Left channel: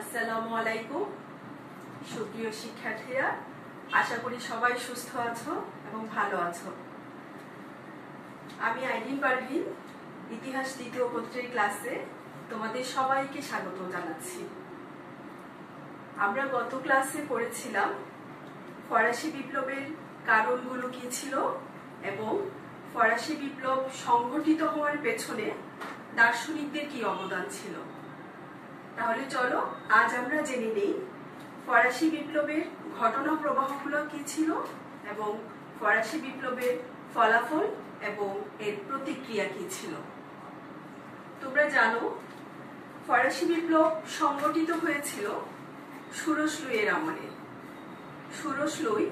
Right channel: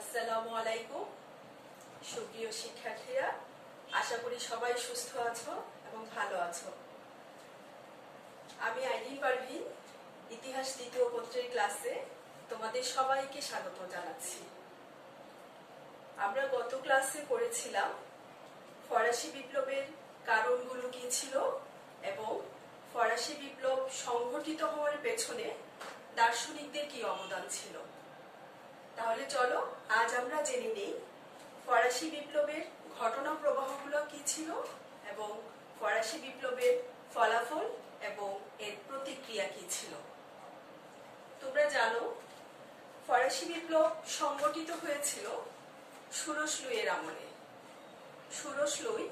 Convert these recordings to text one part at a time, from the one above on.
আসসালামু আলাইকুম সুপ্রিয় শিক্ষার্থীরা, আশা করি সবাই সুস্থ আছো এবং ভালো আছো। আমি আইরিন পারভিন, ইতিহাস দ্বিতীয় পত্রের ক্লাসে তোমাদের সবাইকে স্বাগত জানাচ্ছি। আমরা গত ক্লাসে পড়েছিলাম ফরাসি বিপ্লবের কারণগুলো কি ছিল এবং ফরাসি বিপ্লব সংঘটিত হওয়ার পেছনে দার্শনিকদের কি অবদান ছিল। তাহলে চলো আজ আমরা জেনে নেই ফরাসি বিপ্লবের ঘটনা প্রবাহগুলো কি ছিল এবং ফরাসি বিপ্লবের ফলাফল এবং এর প্রতিক্রিয়া কি ছিল। তোমরা জানো ফরাসি বিপ্লব সংগঠিত হয়েছিল ষোড়শ লুইয়ের আমলে। ষোড়শ লুই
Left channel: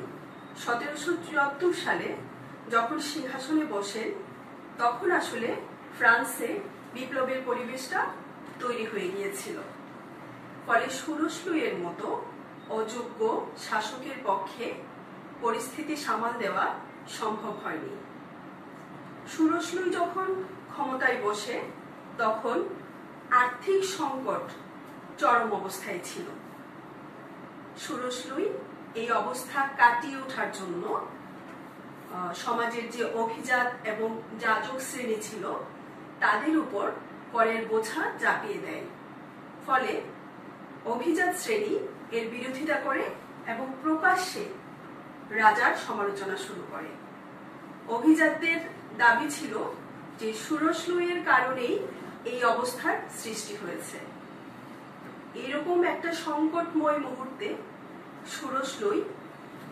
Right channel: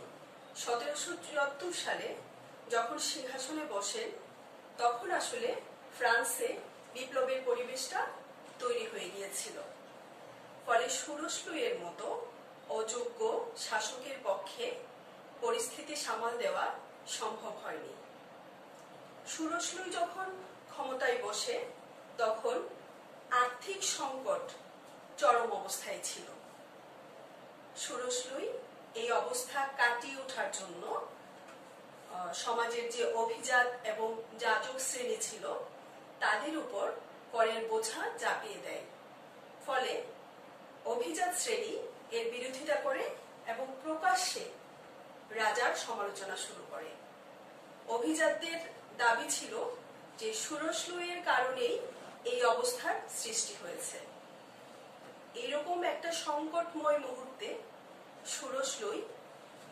1774 সালে যখন সিংহাসনে বসেন তখন আসলে ফ্রান্সে বিপ্লবের পরিবেশটা তৈরি হয়ে গিয়েছিল। ফলে ষোড়শ লুইয়ের মতো অযোগ্য শাসকের পক্ষে পরিস্থিতি সামাল দেওয়া সম্ভব হয়নি। ষোড়শ লুই যখন ক্ষমতায় বসে তখন আর্থিক সংকট চরম অবস্থায় ছিল। ষোড়শ লুই এই অবস্থা কাটিয়ে ওঠার জন্য সমাজের যে অভিজাত এবং যাজক শ্রেণী ছিল তাদের উপর করের বোঝা চাপিয়ে দেয়। ফলে অভিজাত শ্রেণী এর বিরোধিতা করে এবং প্রকাশ্যে রাজার সমালোচনা শুরু করে। অভিজাতদের দাবি ছিল যে ষোড়শ লুইয়ের কারণেই এই অবস্থার সৃষ্টি হয়েছে। এরকম একটা সংকটময় মুহূর্তে ষোড়শ লুই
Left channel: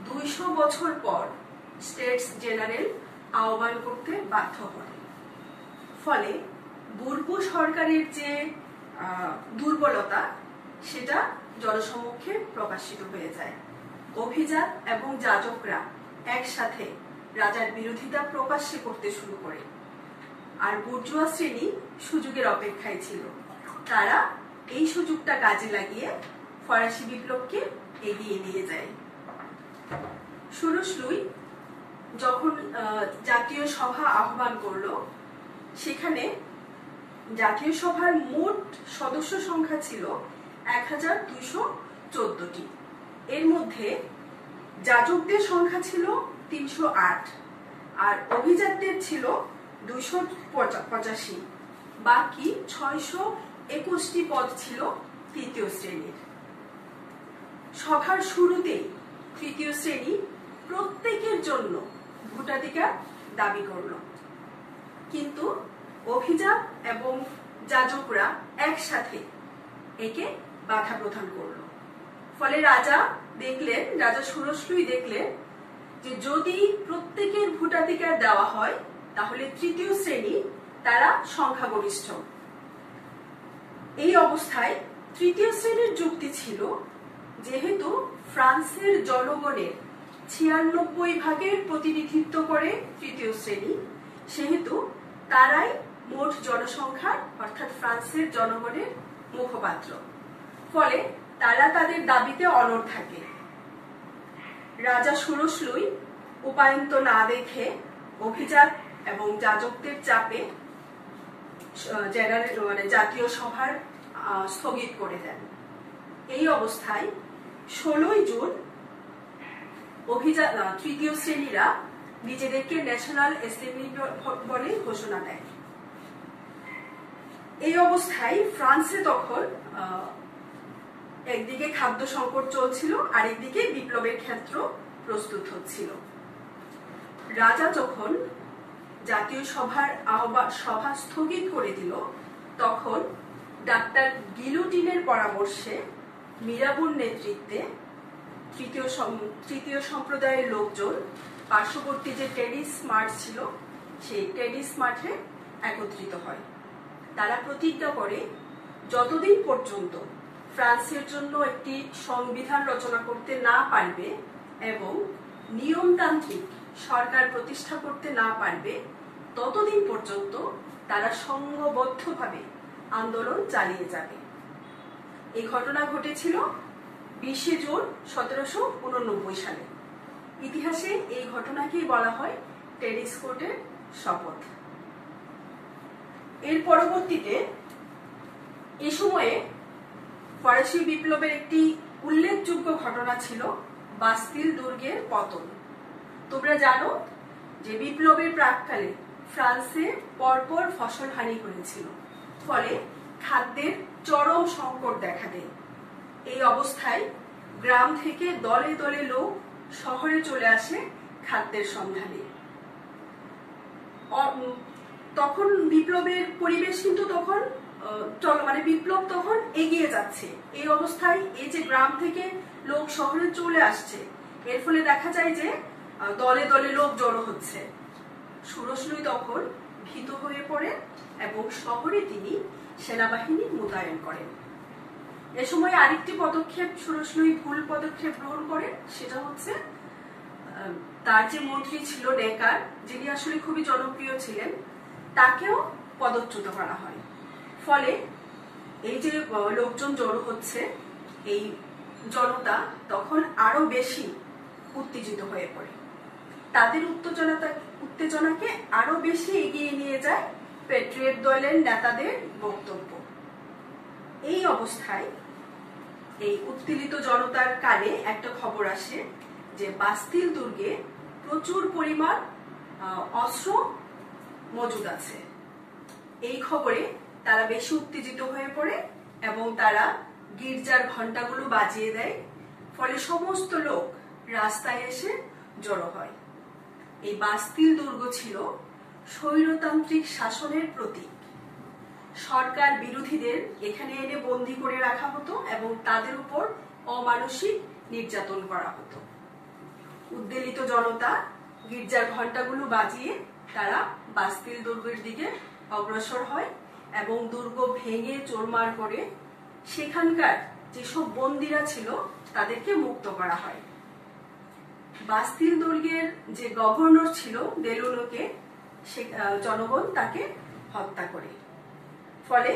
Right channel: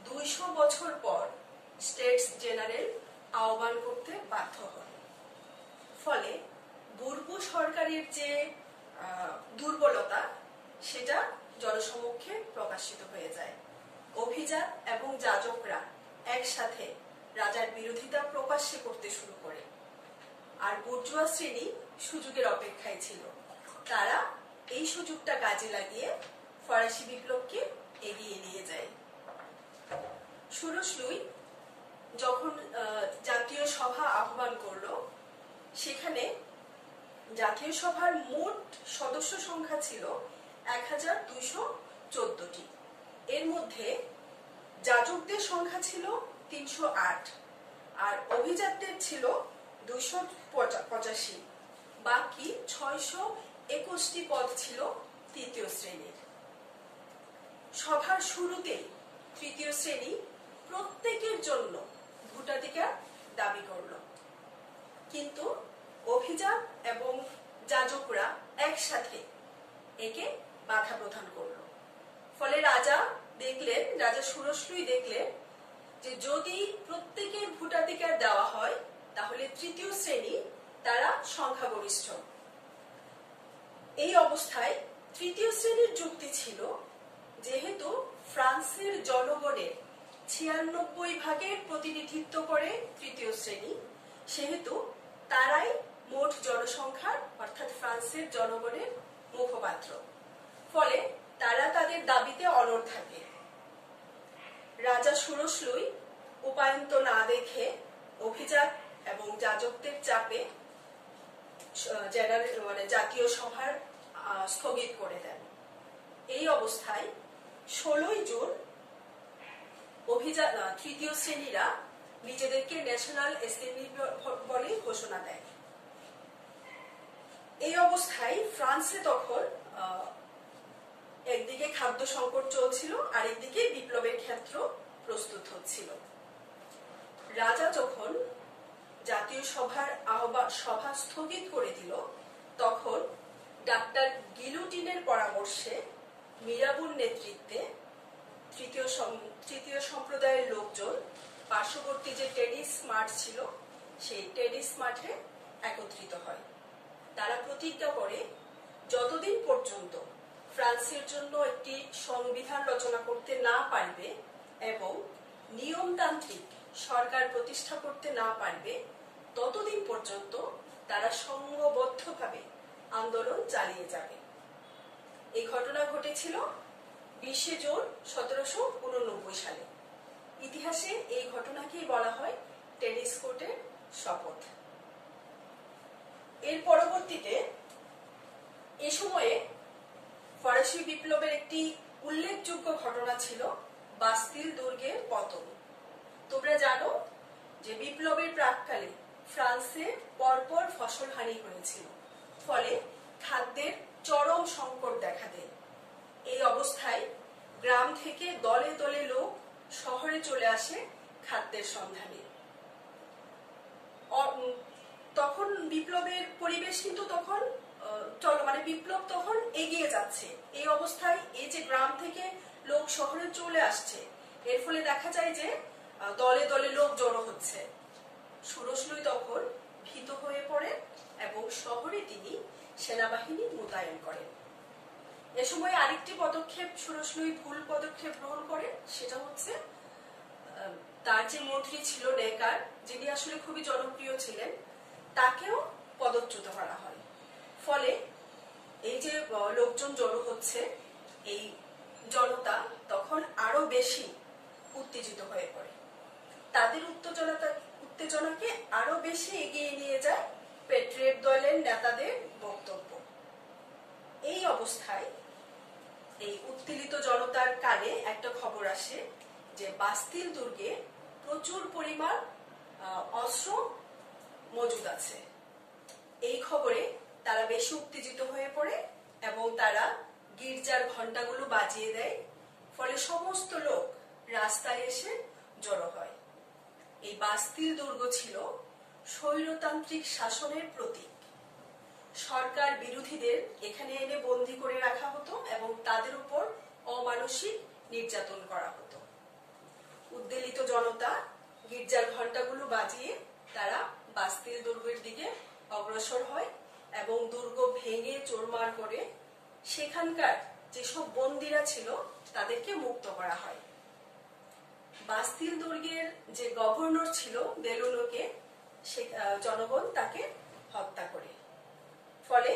200 বছর পর স্টেটস জেনারেল আহ্বান করতে বাধ্য হন। ফলে বুরবু সরকারের যে দুর্বলতা সেটা জনসমক্ষে প্রকাশিত হয়ে যায়। অভিজাত এবং যাজকরা একসাথে রাজার বিরোধিতা প্রকাশ্যে করতে শুরু করে। আর বুর্জোয়া শ্রেণী সুযোগের অপেক্ষায় ছিল। তারা এই সুযোগটা কাজে লাগিয়ে ফরাসি বিপ্লবকে এগিয়ে নিয়ে যায়। ষোড়শ লুই যখন জাতীয় সভা আহ্বান করলো, সেখানে জাতীয় সভার মোট সদস্য সংখ্যা ছিল 1214টি। এর মধ্যে যাজকদের সংখ্যা ছিল 308 আর অভিজাতদের ছিল 285। বাকি 621টি পদ ছিল তৃতীয় শ্রেণীর। সভার শুরুতেই তৃতীয় শ্রেণী প্রত্যেকের জন্য ভোটাধিকার দাবি করল, কিন্তু অভিজাত এবং যাজকরা একসাথে একে বাধা প্রদান করল। ফলে রাজা ষোড়শ লুই দেখলেন যে যদি প্রত্যেকের ভোটাধিকার দেওয়া হয় তাহলে তৃতীয় শ্রেণী তারা সংখ্যাগরিষ্ঠ। এই অবস্থায় তৃতীয় শ্রেণীর যুক্তি ছিল যেহেতু ফ্রান্সের জনগণের 96% প্রতিনিধিত্ব করে তৃতীয় শ্রেণী, সেহেতু তারাই মোট জনসংখ্যার অর্থাৎ ফ্রান্সের জনগণের মুখপাত্র। ফলে তারা তাদের দাবিতে অনড় থাকে। রাজা ষোড়শ লুই উপায়ন্ত না দেখে অভিজাত এবং যাজকদের চাপে জাতীয় সভার স্থগিত করে দেন। এই অবস্থায় 16 জুন তৃতীয় শ্রেণীরা নিজেদেরকে ন্যাশনাল অ্যাসেম্বলি বলে ঘোষণা দেয়। এই অবস্থায় ফ্রান্সে তখন একদিকে খাদ্য সংকট চলছিল, আরেকদিকে বিপ্লবের ক্ষেত্র প্রস্তুত হচ্ছিল। রাজা যখন জাতীয় সভা স্থগিত করে দিল, তখন ডাক্তার গিলোটিনের পরামর্শে মিরাবুর নেতৃত্বে তৃতীয় সম্প্রদায়ের লোকজন পার্শ্ববর্তী যে টেডিস মাঠ ছিল সেই টেডিস মাঠে একত্রিত হয়। তারা প্রতিজ্ঞা করে যতদিন পর্যন্ত ফ্রান্সের জন্য একটি সংবিধান রচনা করতে না পারবে এবং নিয়মতান্ত্রিক সরকার প্রতিষ্ঠা করতে না পারবে ততদিন পর্যন্ত তারা সংঘবদ্ধভাবে আন্দোলন চালিয়ে যাবে। এই ঘটনা ঘটেছিল 20 জুন 1789 সালে। ইতিহাসে এই ঘটনাকেই বলা হয় টেডিস কোর্টের শপথ। এর পরবর্তীতে এ সময়ে ফরাসি বিপ্লবের একটি উল্লেখযোগ্য ঘটনা ছিল বাস্তিল দুর্গের পতন। তোমরা জানো যে বিপ্লবের প্রাক্কালে ফ্রান্সে পরপর ফসল হানি হয়েছিল, ফলে খাদ্যের চরম সংকট দেখা দেয়। এই অবস্থায় গ্রাম থেকে দলে দলে লোক শহরে চলে আসে খাদ্যের সন্ধানে। তখন বিপ্লবের পরিবেশ কিন্তু তখন বিপ্লব তখন এগিয়ে যাচ্ছে। এই অবস্থায় এই যে গ্রাম থেকে লোক শহরে চলে আসছে, এর ফলে দেখা যায় যে দলে দলে লোক জড়ো হচ্ছে। ষোড়শ তখন ভীত হয়ে পড়ে এবং শহরে তিনি সেনাবাহিনী মোতায়েন করেন। এ সময় আরেকটি পদক্ষেপ ষোড়শ ভুল পদক্ষেপ গ্রহণ করেন, সেটা হচ্ছে তার যে মন্ত্রী ছিল নেকার, যিনি আসলে খুবই জনপ্রিয় ছিলেন, তাকেও পদচ্যুত করা হয়। ফলে এই যে লোকজন জড়ো হচ্ছে, এই জনতা তখন আরো বেশি উত্তেজিত হয়ে পড়ে। তাদের উত্তেজনাকে আরো বেশি এগিয়ে নিয়ে যায় প্যাট্রিয়ট দলের নেতাদের বক্তব্য। এই অবস্থায় এই উত্তেজিত জনতার কানে একটা খবর আসে যে বাস্তিল দুর্গে প্রচুর পরিমাণ অস্ত্র মজুদ আছে। এই খবরে তারা বেশি উত্তেজিত হয়ে পড়ে এবং তারা গির্জার ঘন্টাগুলো বাজিয়ে দেয়। ফলে সমস্ত লোক রাস্তায় এসে জড়ো হয়। এই বাস্তিল দুর্গ ছিল স্বৈরতান্ত্রিক শাসনের প্রতীক। সরকার বিরোধীদের এখানে এনে বন্দী করে রাখা হতো এবং তাদের উপর অমানসিক নির্যাতন করা হতো। উদ্বেলিত জনতা গির্জার ঘন্টাগুলো বাজিয়ে তারা বাস্তিল দুর্গের দিকে অগ্রসর হয় এবং দুর্গ ভেঙে চোরমার করে সেখানকার যেসব বন্দীরা ছিল তাদেরকে মুক্ত করা হয়। বাস্তিল দুর্গের যে গভর্নর ছিল দেলুনোকে জনগণ তাকে হত্যা করে। ফলে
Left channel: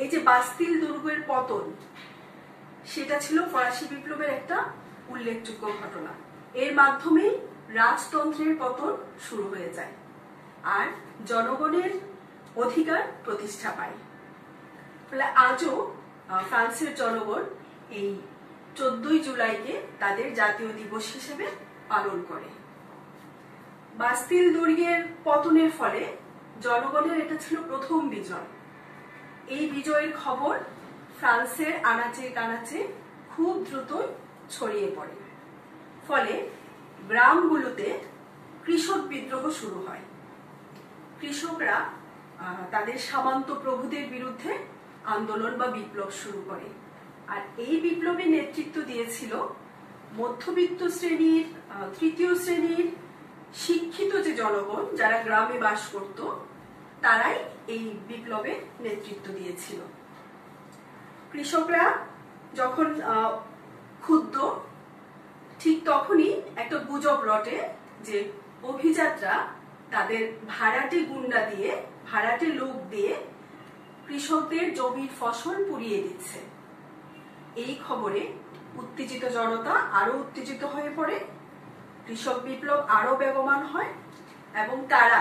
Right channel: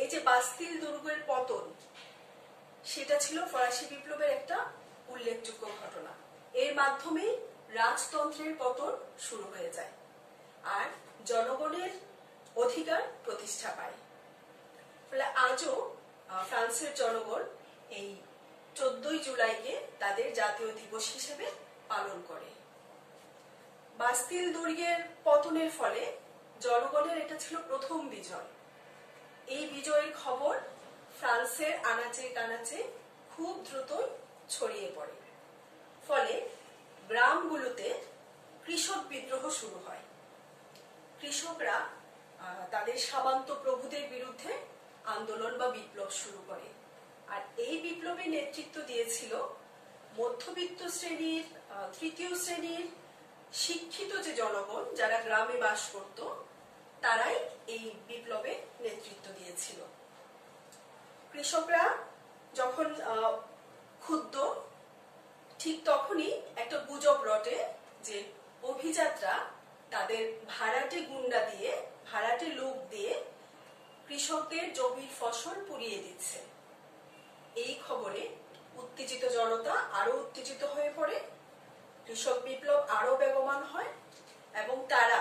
এই যে বাস্তিল দুর্গের পতন, সেটা ছিল ফরাসি বিপ্লবের একটা উল্লেখযোগ্য ঘটনা। এর মাধ্যমে রাজতন্ত্রের পতন শুরু হয়ে যায় আর জনগণের অধিকার প্রতিষ্ঠা পায়। ফলে আজও ফ্রান্সের জনগণ এই 14 জুলাইকে তাদের জাতীয় দিবস হিসেবে পালন করে। বাস্তিল দুর্গের পতনের ফলে জনগণের এটা ছিল প্রথম বিজয়। এই বিজয়ের খবর ফ্রান্সের আনাচে কানাচে খুব দ্রুত ছড়িয়ে পড়ে। ফলে গ্রামগুলোতে কৃষক বিদ্রোহ শুরু হয়। কৃষকরা তাদের সামন্ত প্রভুদের বিরুদ্ধে আন্দোলন বা বিপ্লব শুরু করে। আর এই বিপ্লবে নেতৃত্ব দিয়েছিল মধ্যবিত্ত শ্রেণীর, তৃতীয় শ্রেণীর শিক্ষিত যে জনগণ যারা গ্রামে বাস করত, তারাই এই বিপ্লবে নেতৃত্ব দিয়েছিল। কৃষকরা যখন ক্ষুব্ধ, ঠিক তখনই একটা গুজব রটে যে অভিজাতরা তাদের ভাড়াটে গুন্ডা দিয়ে, ভাড়াটে লোক দিয়ে কৃষকদের জমির ফসল পুড়িয়ে দিচ্ছে। এই খবরে উত্তেজিত জনতা আরো উত্তেজিত হয়ে পড়ে, কৃষক বিপ্লব আরো বেগবান হয় এবং তারা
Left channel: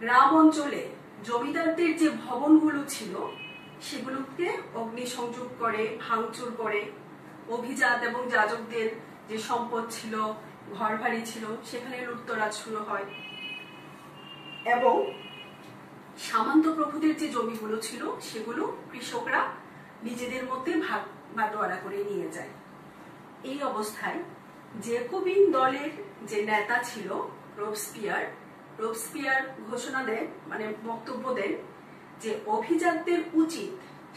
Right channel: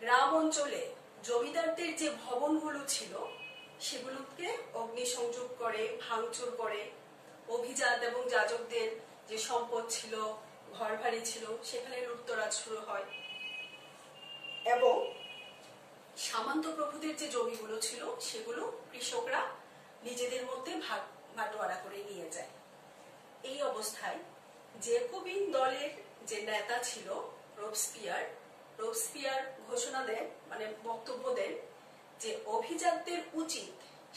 গ্রাম অঞ্চলে জমিদারদের যে ভবনগুলো ছিল সেগুলোকে অগ্নিসংযোগ করে, ভাঙচুর করে। অভিজাত এবং যাজকদের যে সম্পদ ছিল, ঘর বাড়ি ছিল, সেখানে লুটতরাজ শুরু হয় এবং সামন্ত প্রভুদের যে জমিগুলো ছিল সেগুলো কৃষকরা নিজেদের মধ্যে ভাগ বাটোয়ারা করে নিয়ে যায়। এই অবস্থায় জ্যাকোবিন দলের যে নেতা ছিল রোবস্পিয়ার ঘোষণা দেন, বক্তব্য দেন যে অভিজাতদের উচিত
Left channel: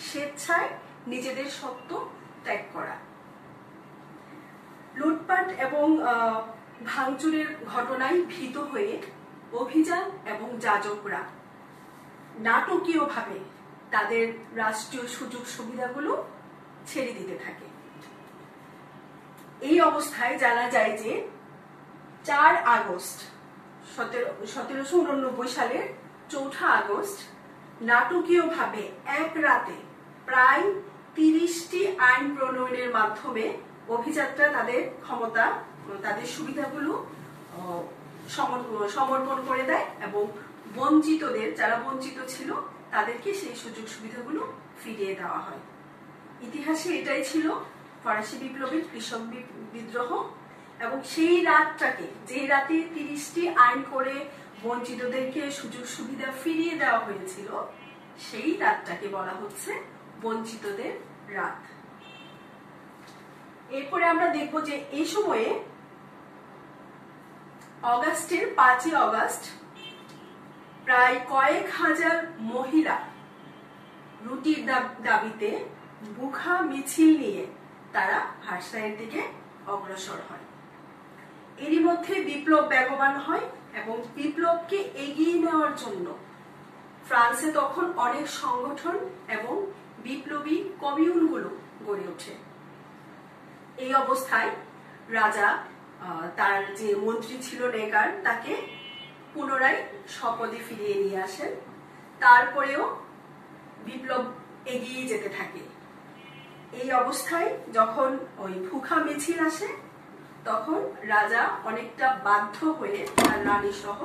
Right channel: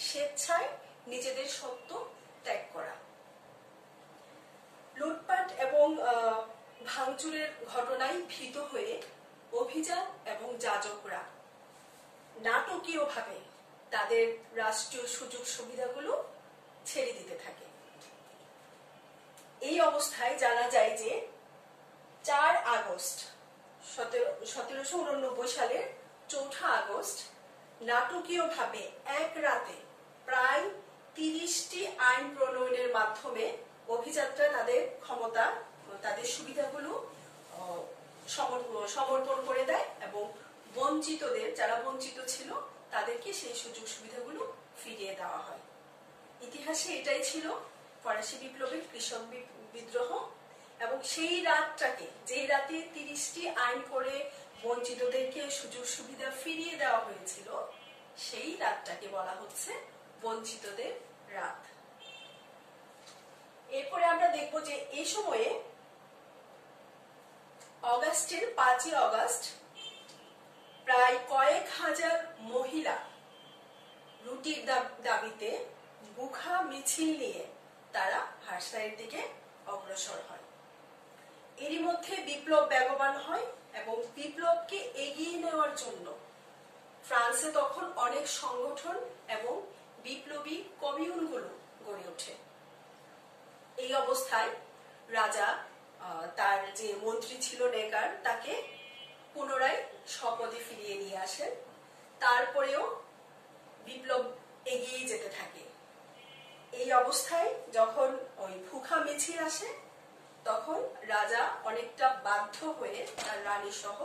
স্বেচ্ছায় নিজেদের সত্ত্ব ত্যাগ করা। লুটপাট এবং ভাঙচুরের ঘটনায় ভীত হয়ে অভিজাত এবং যাজকরা নাটকীয়ভাবে তাদের রাষ্ট্রীয় সুযোগ সুবিধাগুলো ছেড়ে দিতে থাকে। এই অবস্থায় জানা যায় যে 4 আগস্ট 1789 সালের 4 আগস্ট নাটকীয়ভাবে এক রাতে প্রায় 30টি আইন প্রণয়নের মাধ্যমে অভিজাতরা তাদের ক্ষমতা, তাদের সুবিধাগুলো সমর্পণ করে দেয় এবং বঞ্চিতদের, যারা বঞ্চিত ছিল, তাদেরকে সেই সুযোগ সুবিধাগুলো ফিরিয়ে দেওয়া হয়। ইতিহাসে এটাই ছিল ফরাসি বিপ্লবের কৃষক বিদ্রোহ, এবং সেই রাতটাকে, যে রাতে 30টি আইন করে বঞ্চিতদেরকে সুযোগ সুবিধা ফিরিয়ে দেওয়া হয়েছিল, সেই রাতটাকে বলা হচ্ছে বঞ্চিতদের রাত। এরপরে আমরা দেখব যে এই সময়ে অগাস্টের 5ই অগাস্ট প্রায় কয়েক হাজার মহিলা রুটির দাবিতে বুখা মিছিল নিয়ে তারা ভার্সাইয়ের দিকে অগ্রসর হয়। এরই মধ্যে বিপ্লব বেগবান হয় এবং বিপ্লবকে এগিয়ে নেওয়ার জন্য ফ্রান্সে তখন অনেক সংগঠন এবং বিপ্লবী কমিউনগুলো গড়ে ওঠে। এই অবস্থায় রাজা তার যে মন্ত্রী ছিল নেগার, তাকে পুনরায় শপথে ফিরিয়ে নিয়ে আসেন। তারপরেও বিপ্লব এগিয়ে যেতে থাকে। এই অবস্থায় যখন ওই ভুখা মিছিল আসে, তখন রাজা অনেকটা বাধ্য হয়ে তার রানী সহ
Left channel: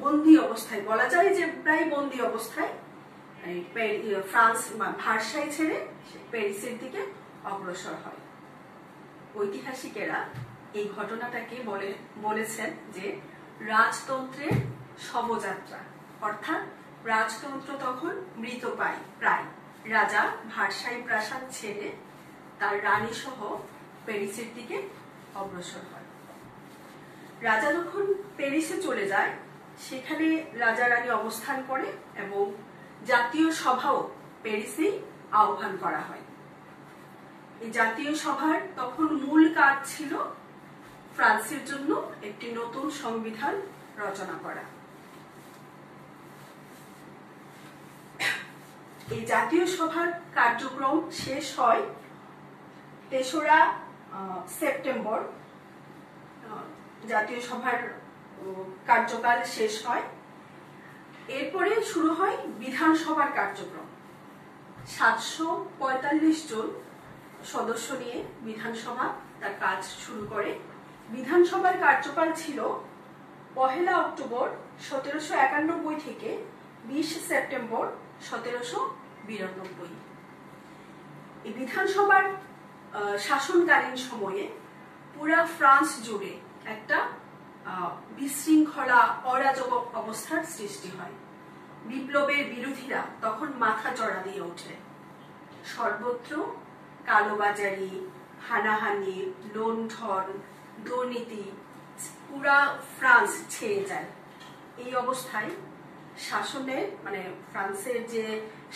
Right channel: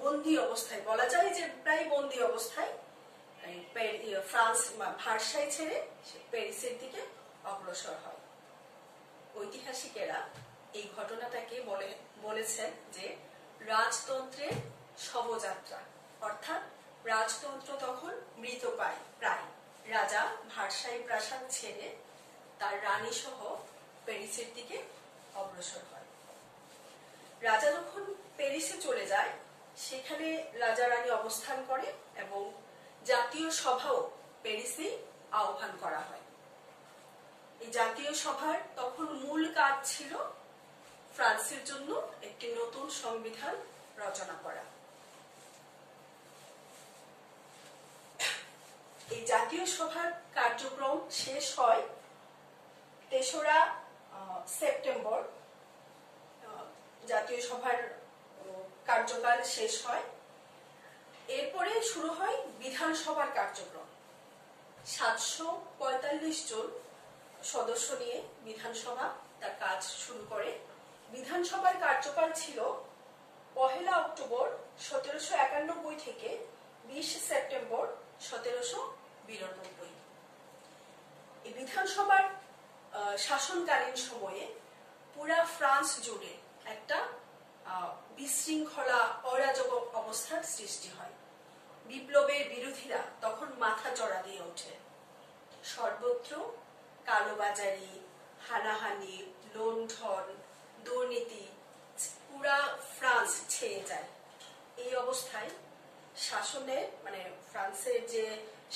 বন্দি অবস্থায়, বলা যায় যে প্রায় বন্দি অবস্থায়, ফ্রান্স ভার্সাই ছেড়ে প্যারিসের দিকে অগ্রসর হয়। ঐতিহাসিকেরা এই ঘটনাটাকে বলেছেন যে রাজতন্ত্রের শবযাত্রা, অর্থাৎ রাজতন্ত্র তখন মৃতপ্রায় প্রায়। রাজা ভার্সাই প্রাসাদ ছেড়ে তার রানী সহ প্যারিসের দিকে অগ্রসর হয়। রাজা যখন প্যারিসে চলে যায়, সেখানে রাজা রানী অবস্থান করে এবং জাতীয় সভাও প্যারিসে আহ্বান করা হয়। এই জাতীয় সভার তখন মূল কাজ ছিল ফ্রান্সের জন্য একটি নতুন সংবিধান রচনা করা। এই জাতীয় সভার কার্যক্রম শেষ হয় 3রা সেপ্টেম্বর। জাতীয় সভার কার্যকাল শেষ হয়। এরপরে শুরু হয় বিধানসভার কার্যক্রম। 745 জন সদস্য নিয়ে বিধানসভা তার কাজ শুরু করে। বিধানসভার কার্যকাল ছিল 1 অক্টোবর 1791 থেকে 20 সেপ্টেম্বর 1792। এই বিধানসভার শাসনকালীন সময়ে পুরা ফ্রান্স জুড়ে একটা বিশৃঙ্খলা, অরাজক অবস্থার সৃষ্টি হয়। বিপ্লবের বিরোধীরা তখন মাথা চড়া দিয়ে ওঠে। সর্বত্র কালোবাজারি, হানাহানি, লুণ্ঠন, দুর্নীতি পুরা ফ্রান্স ছেয়ে যায়। এই অবস্থায় শাসনের ফ্রান্সের যে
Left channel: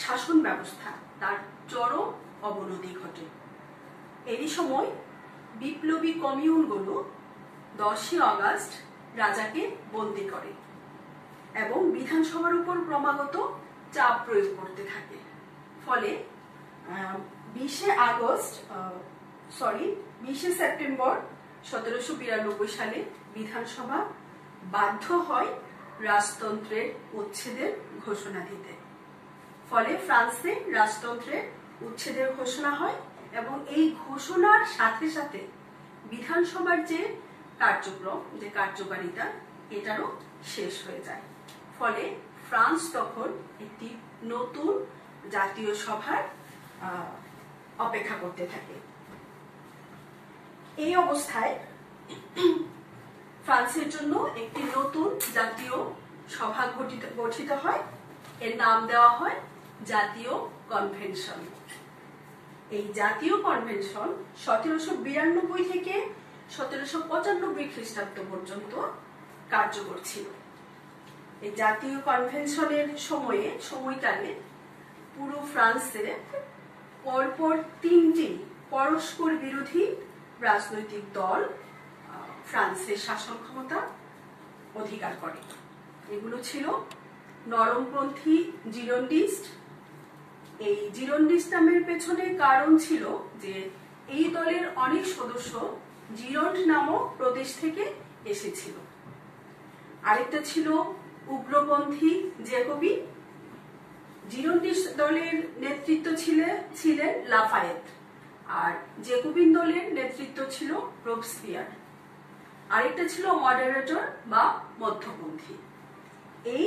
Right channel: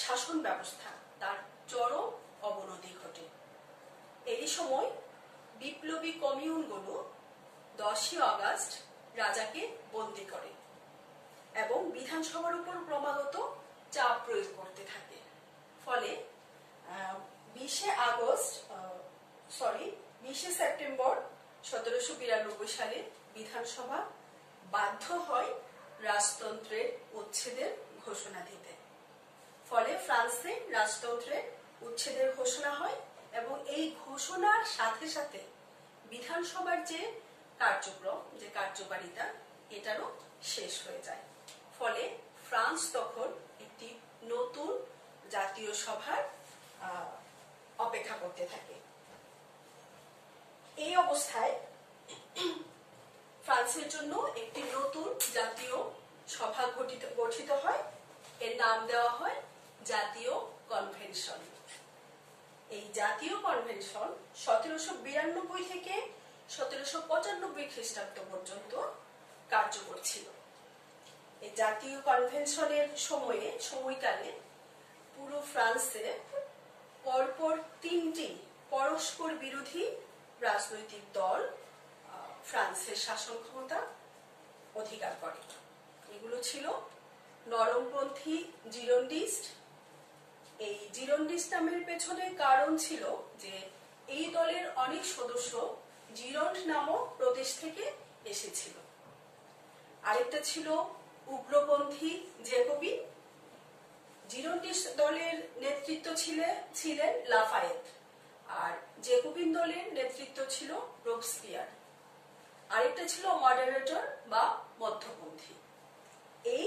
শাসন ব্যবস্থা, তার চরম অবনতি ঘটে। এই সময় বিপ্লবী কমিউনগুলো 10ই অগাস্ট রাজাকে বন্দী করে এবং বিধানসভার উপর ক্রমাগত চাপ প্রয়োগ করতে থাকে। ফলে 20 সেপ্টেম্বর 1792 সালে বিধানসভা বাধ্য হয় রাজতন্ত্রের উচ্ছেদের ঘোষণা দিতে। ফলে ফ্রান্সে রাজতন্ত্রের উচ্ছেদের ঘোষণা হয় এবং এই ঘোষণার সাথে সাথে বিধানসভার যে কার্যক্রম, যে কার্যকারিতা, এটারও শেষ হয়ে যায়। ফলে ফ্রান্স তখন একটি নতুন জাতীয় সভার অপেক্ষা করতে থাকে। এই অবস্থায় ফ্রান্সের জন্য একটি নতুন জাতীয় সভা গঠিত হয়। এর নাম দেওয়া হয় জাতীয় কনভেনশন। এই জাতীয় কনভেনশন 1792 থেকে 1795 খ্রিস্টাব্দ পর্যন্ত কার্যকর ছিল। এই জাতীয় কনভেনশনের সময়কালে পুরো ফ্রান্সে পরপর 3টি পরস্পর বিরোধী রাজনৈতিক দল ফ্রান্সের শাসন ক্ষমতা অধিকার করে। এগুলো ছিল নরমপন্থী জিরোন্ডিস্ট। এই জিরোন্ডিস্ট নামের পেছনে কারণ ছিল যে এই দলের অনেক সদস্য জিরন্ড নামক প্রদেশ থেকে এসেছিল। আরেকটা ছিল উগ্রপন্থী জ্যাকোবিন। জিরোন্ডিস্ট দলের নেতৃত্ব ছিলেন লাফায়েত, আর জ্যাকোবিন দলের নেতৃত্ব ছিল রোবসপিয়ার। আরেকটা ছিল মডারেটর বা মধ্যপন্থী। এই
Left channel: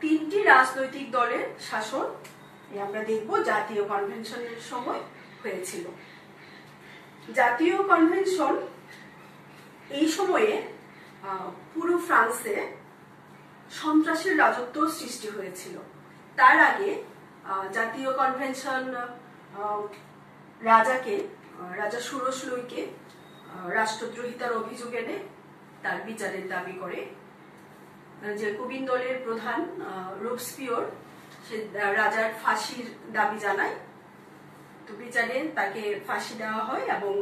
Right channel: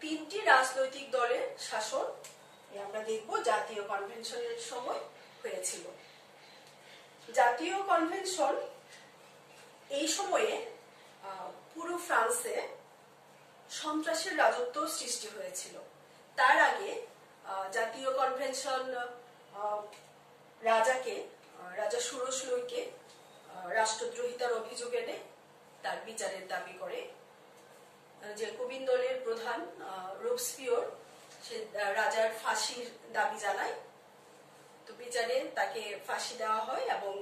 3টি রাজনৈতিক দলের শাসন আমরা দেখব জাতীয় কনভেনশনের সময় হয়েছিল। জাতীয় কনভেনশন এই সময়ে পুরো ফ্রান্সে সন্ত্রাসের রাজত্ব সৃষ্টি হয়েছিল। তার আগে জাতীয় কনভেনশন রাজা ষোড়শ লুইকে রাষ্ট্রদ্রোহিতার অভিযোগ এনে তার বিচারের দাবি করে। জ্যাকোবিন দলের প্রধান রোবস্পিয়র সে রাজার ফাঁসির দাবি জানায়। তো বিচারে তাকে ফাঁসি দেওয়া হয় এবং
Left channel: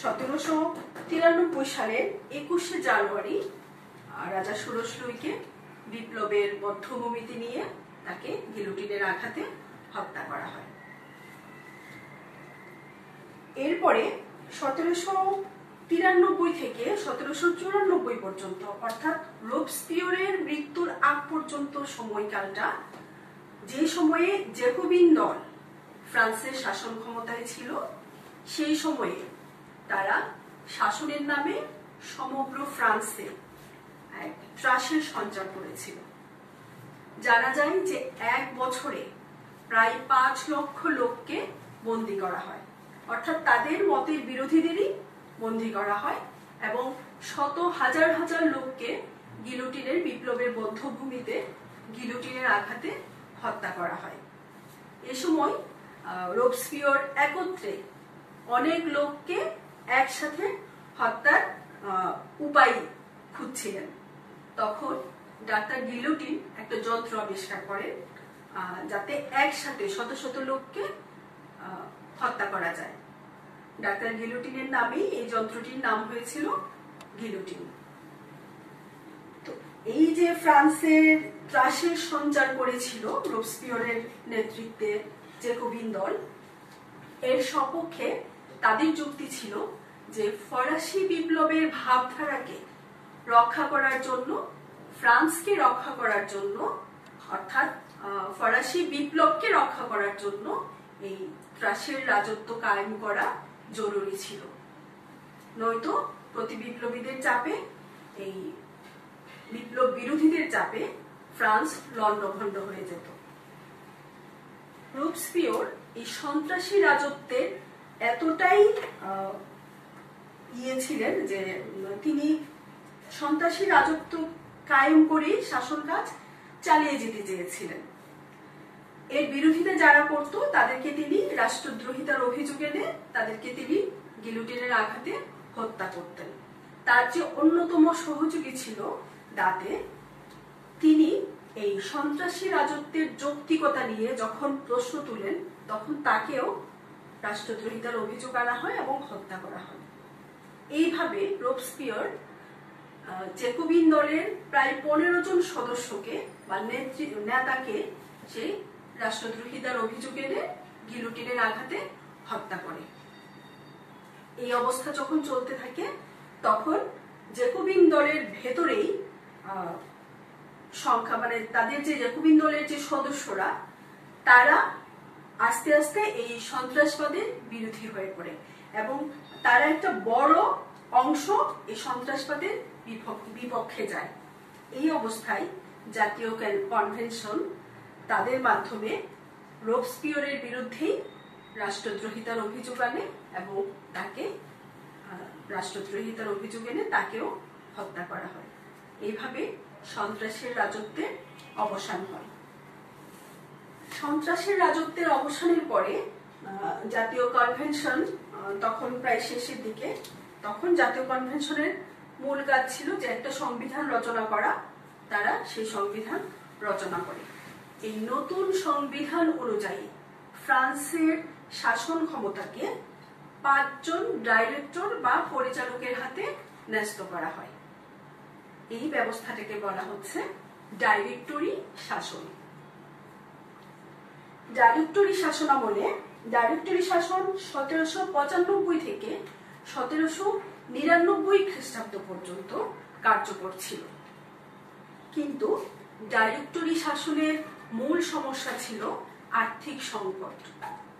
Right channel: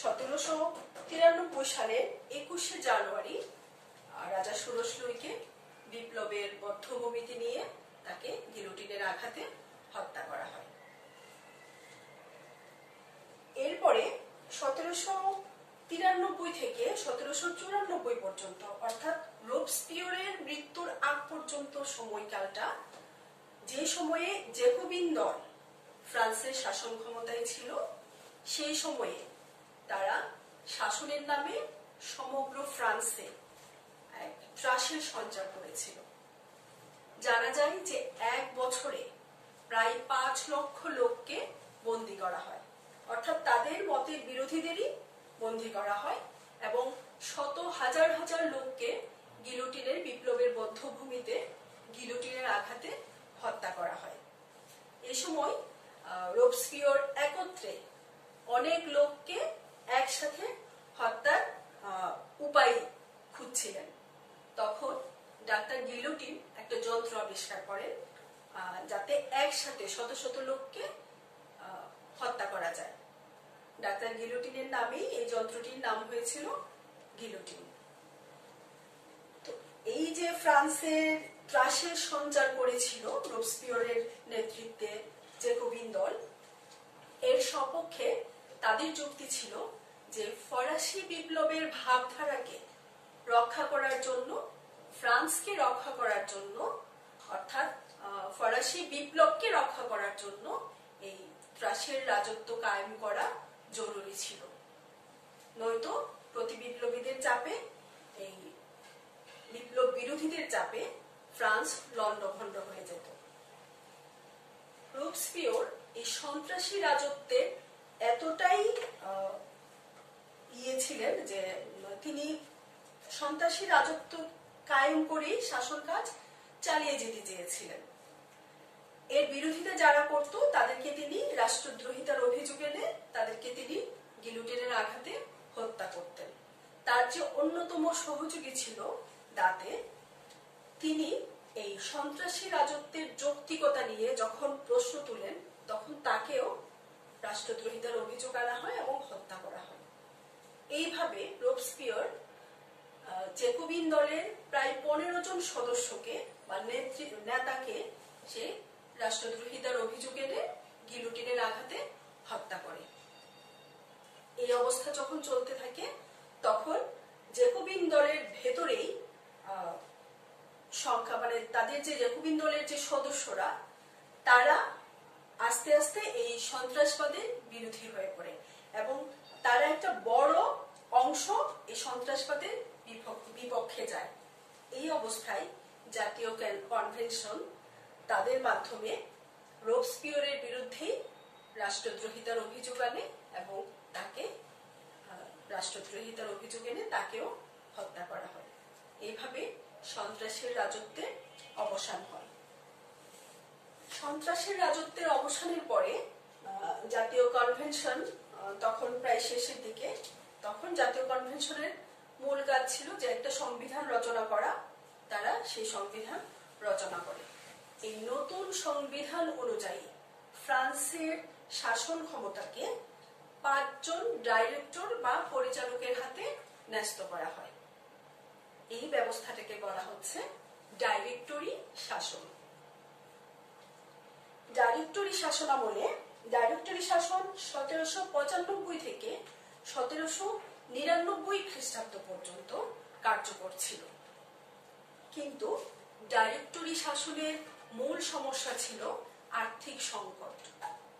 1793 সালের 21শে জানুয়ারি রাজা ষোড়শ লুইকে বিপ্লবের বদ্ধভূমিতে নিয়ে তাকে গিলোটিনের আঘাতে হত্যা করা হয়। এরপরে 1793 থেকে 1794 পর্যন্ত, অর্থাৎ রোবস্পিয়রের মৃত্যুর আগ পর্যন্ত সময়কালটা, যে সময়ে জ্যাকোবিন দল ফ্রান্সের শাসন ক্ষমতায় ছিল, সেই সময়ে তারা শাসনের নামে সমগ্র ফ্রান্সে এক ত্রাসের সঞ্চার করেছিল। জানা যায় যে এক বছরে প্রায় 5 লক্ষ লোককে বন্দী করা হয়, অর্থাৎ তাদের মতের বিরোধীদেরই বন্দী করা হয় এবং শত হাজার হাজার লোককে গিলোটিনের বিপ্লবের বদ্ধভূমিতে গিলোটিনের আঘাতে হত্যা করা হয়। এ সময় রোবস্পিয়র একত্রে অনেক লোককে একসাথে হত্যার উপায় খুঁজছিলেন। তখন ডাক্তার গিলোটিন একটা যন্ত্র আবিষ্কার করেন যাতে একসাথে শত শত লোককে হত্যা করা যায়। ডাক্তার গিলোটিনের নামেই এই যন্ত্রটির নাম হয়েছিল গিলোটিন। তো এই যে ফ্রান্সের ত্রাসের সঞ্চার করেছিল রোবস্পিয়রের নেতৃত্বে জ্যাকোবিন দল, এর সপক্ষে তাদের যুক্তি ছিল যে ফরাসি বিপ্লবের ভাবধারাকে রক্ষা করার জন্য, ফ্রান্সকে রক্ষা করার জন্য, অর্থাৎ ফরাসি বিপ্লবকে রক্ষা করার জন্য এই ত্রাসের রাজত্ব কায়েম করা জরুরি ছিল। নয়তো প্রতি বিপ্লবীদের চাপে, এই বিপ্লব বিরোধীদের চাপে ফ্রান্স লণ্ডভণ্ড হয়ে যেত। রোবস্পিয়র এই সন্ত্রাসী রাজত্বের এতটাই ছিলেন যে তিনি সন্ত্রাসী রাজত্ব কায়েম করে শাসন কাজ চালিয়ে যেতে চেয়েছিলেন। এর বিরোধিতা যারা করত তাদেরকে তিনি রাষ্ট্রদ্রোহিতার অভিযোগ এনে তাদেরকে তিনি গিলোটিনের আঘাতে হত্যা করতেন। তার যে অন্যতম সহযোগী ছিল দাঁতে, তিনি এই সন্ত্রাসী রাজত্বের যৌক্তিকতা নিয়ে যখন প্রশ্ন তুলেন তখন তাকেও রাষ্ট্রদ্রোহিতার অভিযোগ আনা হয় এবং হত্যা করা হয়। এইভাবে রোবস্পিয়র জ্যাকোবিন দলের প্রায় 15 জন সদস্যকে বা নেতাকে সে রাষ্ট্রদ্রোহিতার অভিযোগ এনে গিলোটিনের আঘাতে হত্যা করে। এই অবস্থা যখন চলতে থাকে তখন জ্যাকোবিন দলের ভেতরেই সংখ্যা, মানে তাদের যে জ্যাকোবিন দলের যে সদস্যরা, তারা আস্তে আস্তে এই সন্ত্রাসবাদের বিরোধী হয়ে পড়ে এবং তারা একটা বড় অংশ এই সন্ত্রাসবাদের বিপক্ষে যায়। এই অবস্থায় জাতীয় কনভেনশন তাদের মাধ্যমে রোবস্পিয়রের বিরুদ্ধেই রাষ্ট্রদ্রোহিতার অভিযোগ আনে এবং তাকে রাষ্ট্রদ্রোহিতার অভিযোগ এনে তাকেও হত্যা করা হয়। এইভাবে সন্ত্রাসের রাজত্বের অবসান হয়। সন্ত্রাসের রাজত্বের অবসানের পরে জাতীয় কনভেনশন তখন প্রায় শেষের দিকে, তখন জাতীয় কনভেনশনের মূল কাজ ছিল যে একটা সংবিধান রচনা করা। তারা সেই সংবিধান রচনা করে। এই নতুন সংবিধান অনুযায়ী ফ্রান্সের শাসন ক্ষমতাকে 5 জন ডাইরেক্টর বা পরিচালকের হাতে ন্যস্ত করা হয়। এই ব্যবস্থাটাকে বলা হচ্ছে ডাইরেক্টরি শাসন। ডাইরেক্টরি শাসন আমলে ডাইরেক্টরি শাসন 1795 থেকে 1799 খ্রিস্টাব্দ পর্যন্ত কার্যকর ছিল। কিন্তু ডাইরেক্টরি শাসনের মূল সমস্যা ছিল আর্থিক সংকট,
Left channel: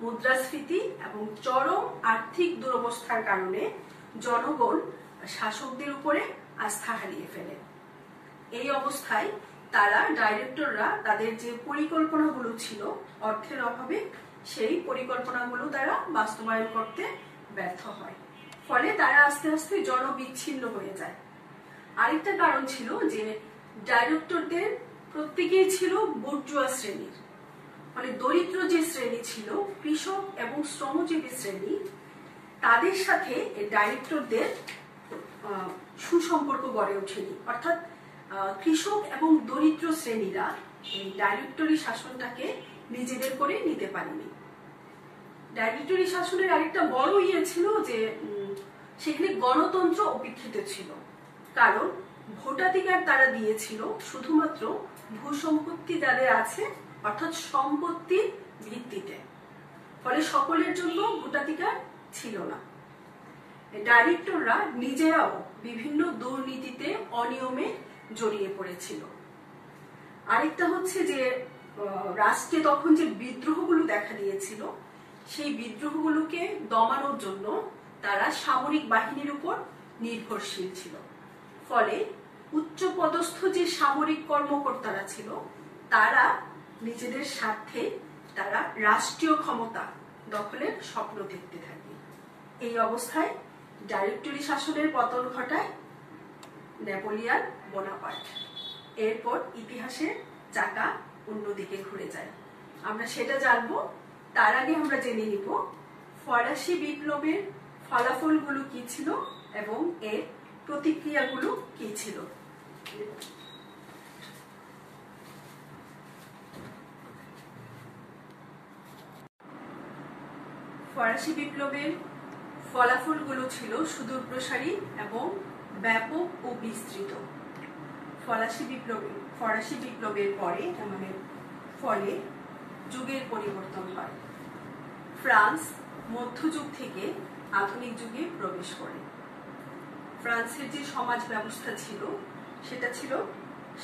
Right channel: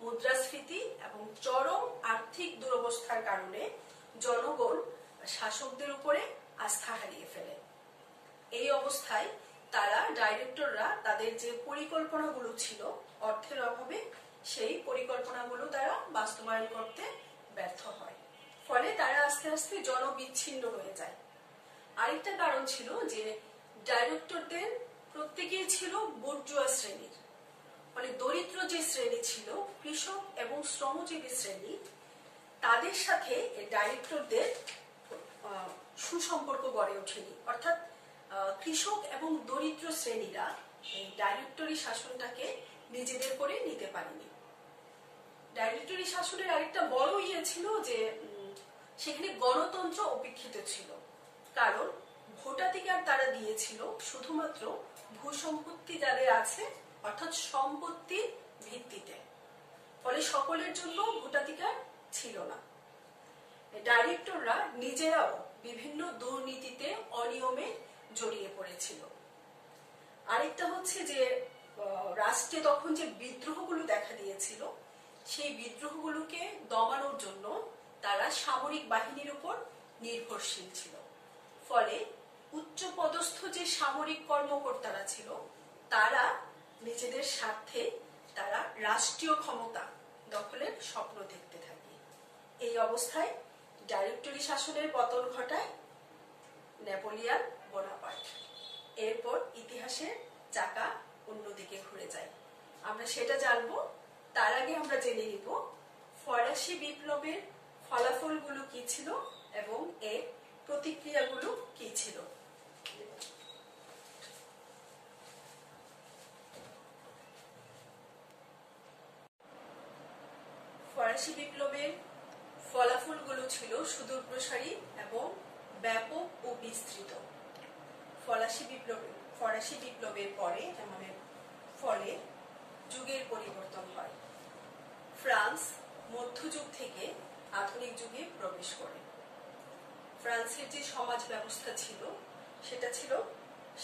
মুদ্রাস্ফীতি এবং চরম আর্থিক দুরবস্থার কারণে জনগণ শাসকদের উপরে আস্থা হারিয়ে ফেলে। এই অবস্থায় তারা ডাইরেক্টররা তাদের যে পরিকল্পনাগুলো ছিল অর্থের অভাবে সেই পরিকল্পনাগুলো তারা বাস্তবায়ন করতে ব্যর্থ হয়, ফলে তারা আস্তে আস্তে জনবিচ্ছিন্ন হয়ে যায়। আরেকটা কারণ ছিল যে ডাইরেক্টরদের প্রত্যেকেই ছিল বুর্জুয়া শ্রেণীর, মানে দরিদ্র যে শ্রেণী ছিল, কৃষক এবং শ্রমজীবী শ্রেণী, তাদের সাথে ডাইরেক্টরদের সুসম্পর্ক গড়ে ওঠেনি। অর্থাৎ কৃষক এবং দরিদ্র শ্রেণীরা এই ডাইরেক্টরি শাসনটাকে নিজেদের করে নিতে পারেনি। ডাইরেক্টরি শাসনের আরেকটা বড় ছিল যে সেখানে গণতন্ত্র উপেক্ষিত ছিল, কারণ ভোটাধিকার তারা দিয়েছিল শুধুমাত্র ভূসম্পত্তি যাদের আছে অর্থাৎ সম্পত্তির ভিত্তিতে, ফলে সকলের জন্য ভোটাধিকার ছিল না। ডাইরেক্টররা নিজেরাও বিভিন্ন দুর্নীতিতে অনিয়মে জড়িয়ে পড়েছিল। আরেকটা হচ্ছে যে রাষ্ট্রে তখন যে বিদ্রোহগুলো দেখা দিয়েছিল, সেই বিদ্রোহগুলোকে দমানোর জন্য তারা সামরিক বাহিনীর উপর নির্ভরশীল ছিল, ফলে উচ্চপদস্থ যে সামরিক কর্মকর্তারা ছিল তারা নিজেদের স্বার্থে তারা রাষ্ট্রীয় ক্ষমতা দখলের স্বপ্ন দেখতে থাকে। এই অবস্থায় ডাইরেক্টরি শাসনের পতন ঘটায় নেপোলিয়ন বোনাপার্ট। এরপর ইতিহাসের চাকা অন্যদিকে ঘুরে যায়, আমরা সেটা জানবো। তার আগে আমরা জেনে নিব ফরাসি বিপ্লবের ফলাফলগুলো কি ছিল এবং এর প্রতিক্রিয়াগুলো কি ছিল। ফরাসি বিপ্লবের ফলাফলগুলো ছিল সুদূরপ্রসারী এবং ব্যাপক ও বিস্তৃত। ফরাসি বিপ্লবের পরে ফলে যুগের পরিবর্তন হয়। ফ্রান্স মধ্যযুগ থেকে আধুনিক যুগে প্রবেশ করে। ফ্রান্সের যে সমাজ ব্যবস্থা ছিল সেটা ছিল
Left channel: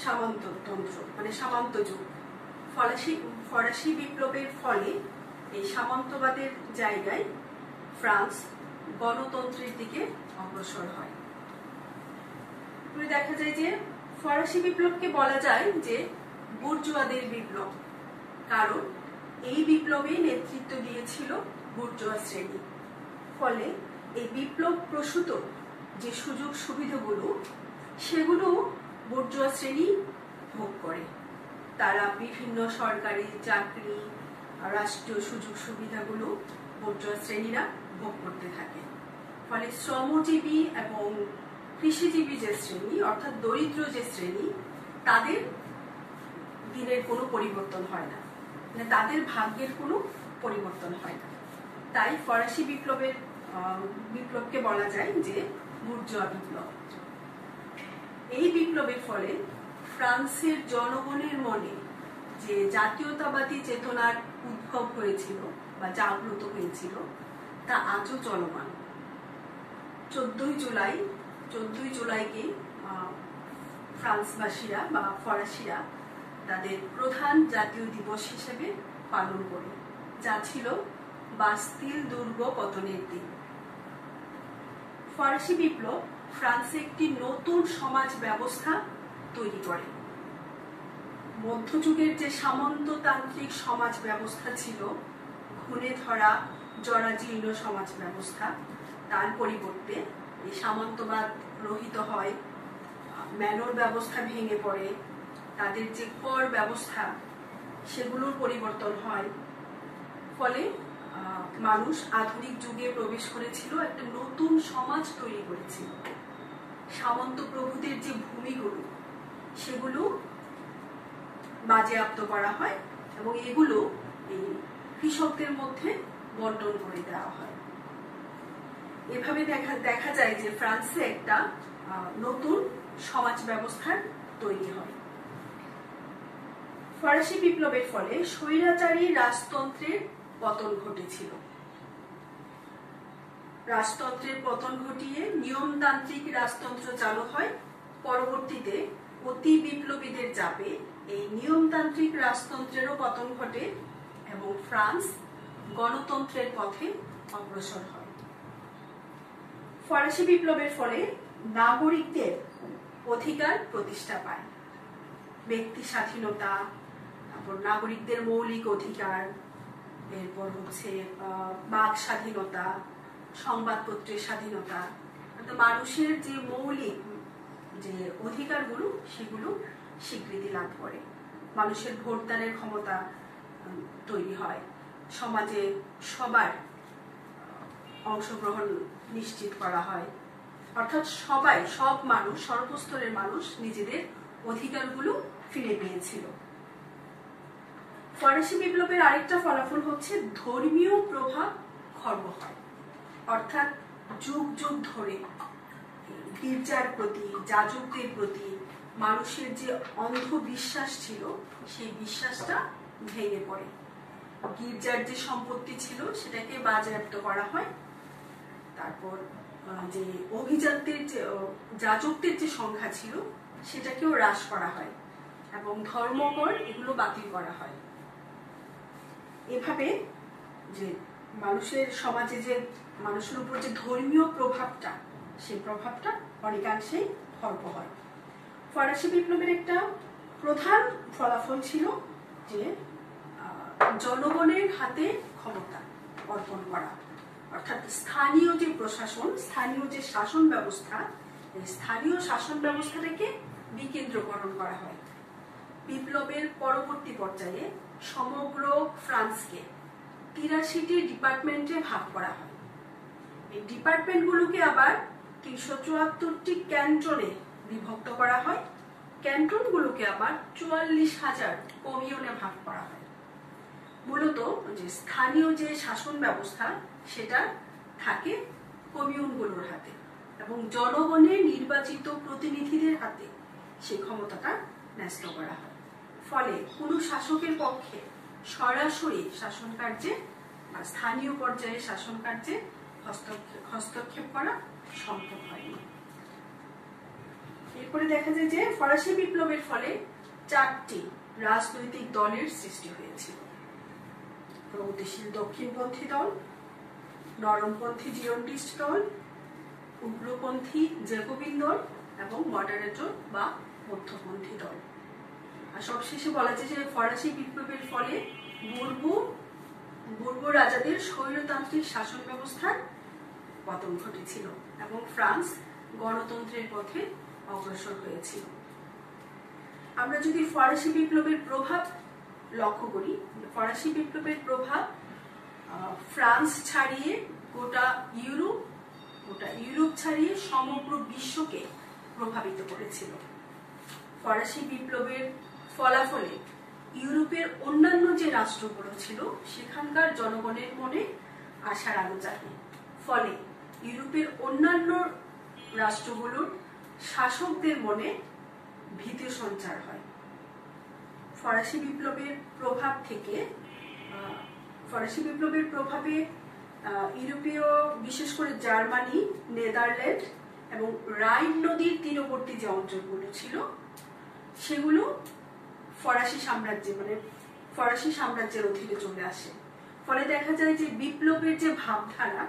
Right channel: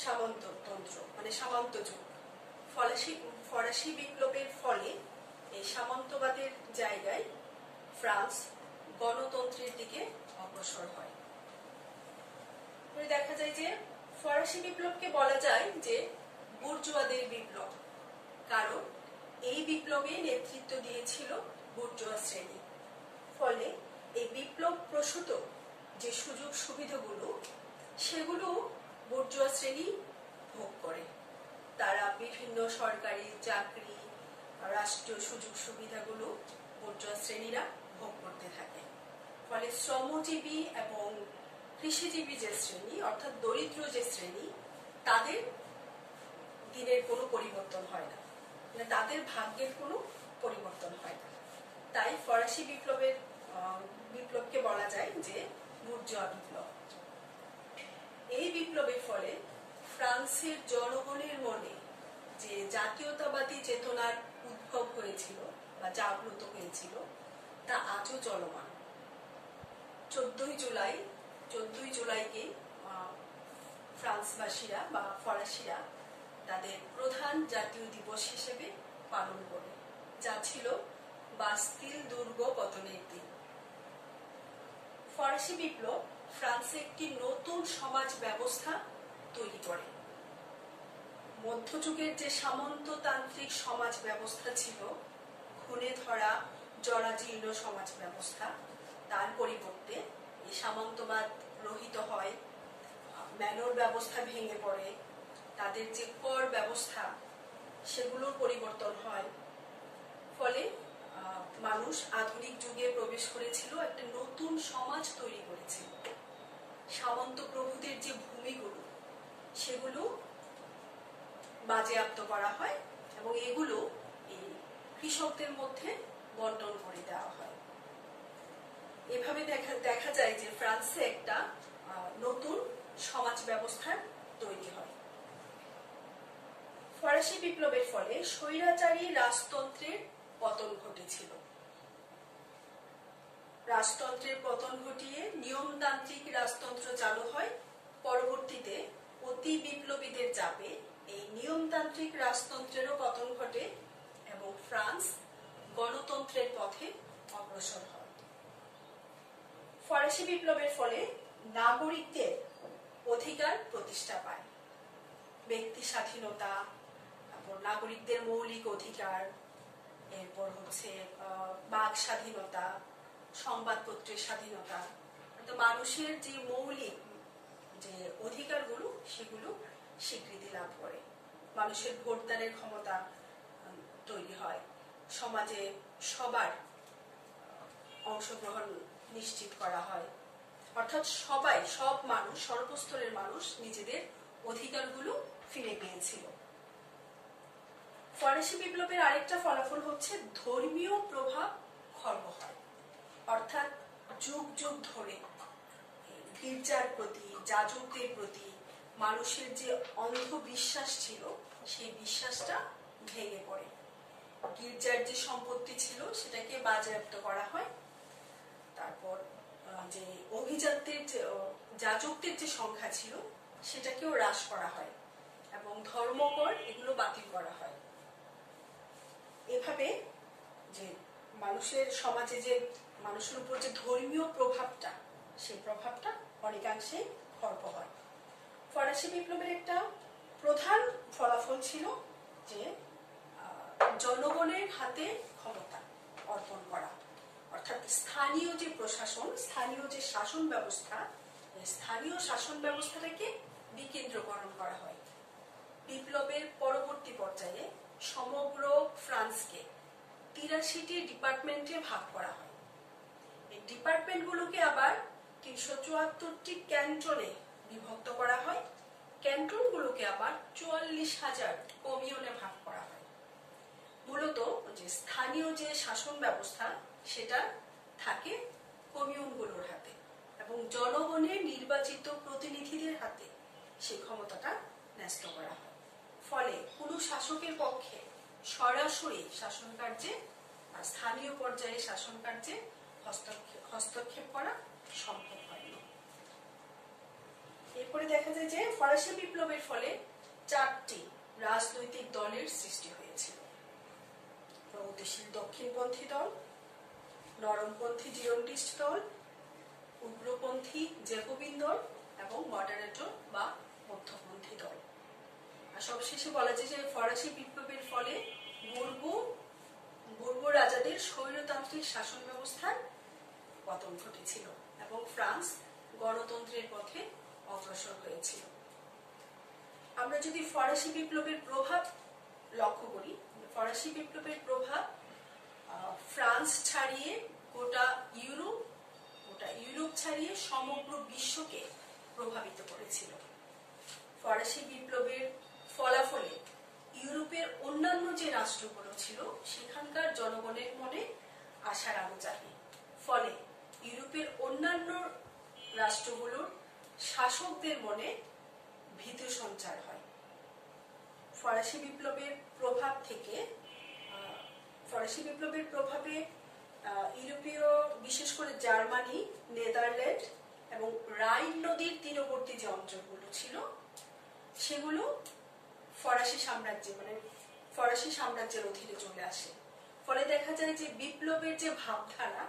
সামন্ততন্ত্র, মানে সামন্ত যুগ। ফরাসি বিপ্লবের ফলে এই সামন্তবাদের জায়গায় ফ্রান্স গণতন্ত্রের দিকে অগ্রসর হয়। দেখা যায় যে ফরাসি বিপ্লবকে বলা যায় যে বুর্জুয়াদের বিপ্লব, কারণ এই বিপ্লবে নেতৃত্ব দিয়েছিল বুর্জুয়া শ্রেণী। ফলে এই বিপ্লব প্রসূত যে সুযোগ সুবিধাগুলো সেগুলো বুর্জুয়া শ্রেণী ভোগ করে। তারা বিভিন্ন সরকারি চাকরি, রাষ্ট্রীয় সুযোগ সুবিধাগুলো বুর্জুয়া শ্রেণীরা ভোগ করতে থাকে। ফলে শ্রমজীবী এবং কৃষিজীবী যে শ্রেণী অর্থাৎ দরিদ্র যে শ্রেণী, তাদের দিনের কোনো পরিবর্তন হয় না, মানে তাদের ভাগ্যের কোনো পরিবর্তন হয় না। তাই ফরাসি বিপ্লবকে বলা যায় যে বুর্জুয়া বিপ্লব। এই বিপ্লবের ফলে ফ্রান্সের জনগণের মনে যে জাতীয়তাবাদী চেতনার উদ্ভব হয়েছিল বা জাগ্রত হয়েছিল তা আজও চলমান। 14ই জুলাইকে ফ্রান্সবাসীরা বা ফরাসিরা তাদের প্রধান জাতীয় দিবস হিসেবে পালন করে, যা ছিল বাস্তিল দুর্গ পতনের দিন। ফরাসি বিপ্লব ফ্রান্সে একটি নতুন সমাজ ব্যবস্থা তৈরি করে। মধ্যযুগের যে সামন্ততান্ত্রিক সমাজ ব্যবস্থা ছিল, খুনে ধরা জরাজীর্ণ সমাজ ব্যবস্থা, তার পরিবর্তে এই সামন্তবাদ রহিত হয়, ম্যানর ব্যবস্থা ভেঙে পড়ে, তাদের যে কর ব্যবস্থা সেগুলোর পরিবর্তন হয়। ফলে মানুষ আধুনিক যুগে প্রবেশ করেছিল, একটা নতুন সমাজ তৈরি করেছিল। সামন্ত প্রভুদের যে ভূমিগুলো সেগুলো বাজেয়াপ্ত করা হয় এবং এগুলো এই কৃষকদের মধ্যে বন্টন করে দেওয়া হয়। এভাবে দেখা যায় যে ফ্রান্সে একটা নতুন সমাজ ব্যবস্থার তৈরি হয়। ফরাসি বিপ্লবের ফলে স্বৈরাচারী রাজতন্ত্রের পতন ঘটেছিল। রাজতন্ত্রের পতন ঘটিয়ে নিয়মতান্ত্রিক রাজতন্ত্র চালু হয়। পরবর্তীতে অতি বিপ্লবীদের চাপে এই নিয়মতান্ত্রিক রাজতন্ত্রেরও পতন ঘটে এবং ফ্রান্স গণতন্ত্রের পথে অগ্রসর হয়। ফরাসি বিপ্লবের ফলে নাগরিকদের অধিকার প্রতিষ্ঠা পায়। ব্যক্তি স্বাধীনতা, তারপর নাগরিকদের মৌলিক অধিকার, এরপর হচ্ছে বাক স্বাধীনতা, সংবাদপত্রের স্বাধীনতা, মানুষের যে মৌলিক যে অধিকারগুলো সেগুলো স্বীকৃতি লাভ করে। মানুষের ভোটদানের ক্ষমতা তৈরি হয়, সমাজে সবার অংশগ্রহণ নিশ্চিত করা হয়, অর্থাৎ সব মানুষ, সর্বস্তরের মানুষ নিজেদের অধিকারগুলো ফিরে পেয়েছিল। ফরাসি বিপ্লবের আরেকটা ফলাফল হচ্ছে ধর্মীয় প্রভাব খর্ব হয়, অর্থাৎ যুগ যুগ ধরে গির্জার প্রতি, যাজকদের প্রতি মানুষের যে অন্ধবিশ্বাস ছিল সেই বিশ্বাসটা ভেঙে পড়ে। গির্জার যে সম্পত্তি ছিল সেটাকে বাজেয়াপ্ত করা হয়, তারপর যে অভিজাতদের যে যাজকদের যে সংখ্যা ছিল সেটাকেও হ্রাস করা হয় এবং ধর্মকর এগুলো বাতিল করা হয়। এভাবে যে মানুষের সমাজে যে মানুষের উপর যে ধর্মীয় প্রভাবটা, সেই প্রভাবটা অনেকাংশেই খর্ব হয়। ফরাসি বিপ্লবের একটা প্রধান ফলাফল ছিল যে জনগণের হাতে ক্ষমতা অর্পণ করা, অর্থাৎ স্থানীয় যে প্রশাসন, স্থানীয় যে শাসন ব্যবস্থা, এই স্থানীয় শাসন ব্যবস্থাটাকে বিকেন্দ্রীকরণ করা হয়। বিপ্লবের পরবর্তী পর্যায়ে সমগ্র ফ্রান্সকে ৮৩টি ডিপার্টমেন্টে ভাগ করা হয়। এই ডিপার্টমেন্টগুলোকে আবার ৩৭৪টি ক্যান্টনে বিভক্ত করা হয়। ক্যান্টনগুলোকে আবার ৪৪,০০০ কমিউনে ভাগ করা হয়। মূলত যে স্থানীয় যে শাসন ব্যবস্থা সেটা থাকে কমিউনগুলোর হাতে এবং জনগণের নির্বাচিত প্রতিনিধিদের হাতে সেই ক্ষমতাটা ন্যস্ত করা হয়। ফলে কোনো শাসকের পক্ষে সরাসরি শাসন কার্যে বা স্থানীয় পর্যায়ে শাসন কার্যে হস্তক্ষেপ করা সম্ভব হয়নি। এরপরে দেখা যায় যে ফরাসি বিপ্লবের ফলে ৪টি রাজনৈতিক দলের সৃষ্টি হয়েছিল: প্রগতিশীল দক্ষিণপন্থী দল, নরমপন্থী জিওন্ডিস্ট দল, উগ্রপন্থী জ্যাকোবিন দল এবং মডারেটর বা মধ্যপন্থী দল। আর সবশেষে বলা যায় যে ফরাসি বিপ্লবের ফলে বুর্বো রাজাদের স্বৈরতান্ত্রিক শাসন ব্যবস্থার পতন ঘটেছিল এবং ফ্রান্স গণতন্ত্রের পথে অগ্রসর হয়েছিল। আমরা যদি ফরাসি বিপ্লবের প্রভাব লক্ষ্য করি, ফরাসি বিপ্লবের প্রভাব ফ্রান্স ছাড়িয়ে গোটা ইউরোপ ছাড়িয়ে সমগ্র বিশ্বকে প্রভাবিত করেছিল। ফরাসি বিপ্লবের ফলাফলে ইউরোপের অন্যান্য যে রাষ্ট্রগুলো ছিল সেখানকার জনগণের মনে আশার আলো জাগে। ফলে ইউরোপের অন্যান্য রাষ্ট্রগুলোর শাসকদের মনে ভীতি সঞ্চার হয়। ফরাসি বিপ্লবের প্রভাবে ইউরোপীয়, বিশেষ করে জার্মানি, নেদারল্যান্ড এবং রাইন নদীর তীরবর্তী যে অঞ্চলগুলো ছিল সেগুলো ফরাসি সাম্রাজ্যের অধীনে চলে আসে। ফলে দেখা যায় যে বিপ্লবের যে ভাবধারা,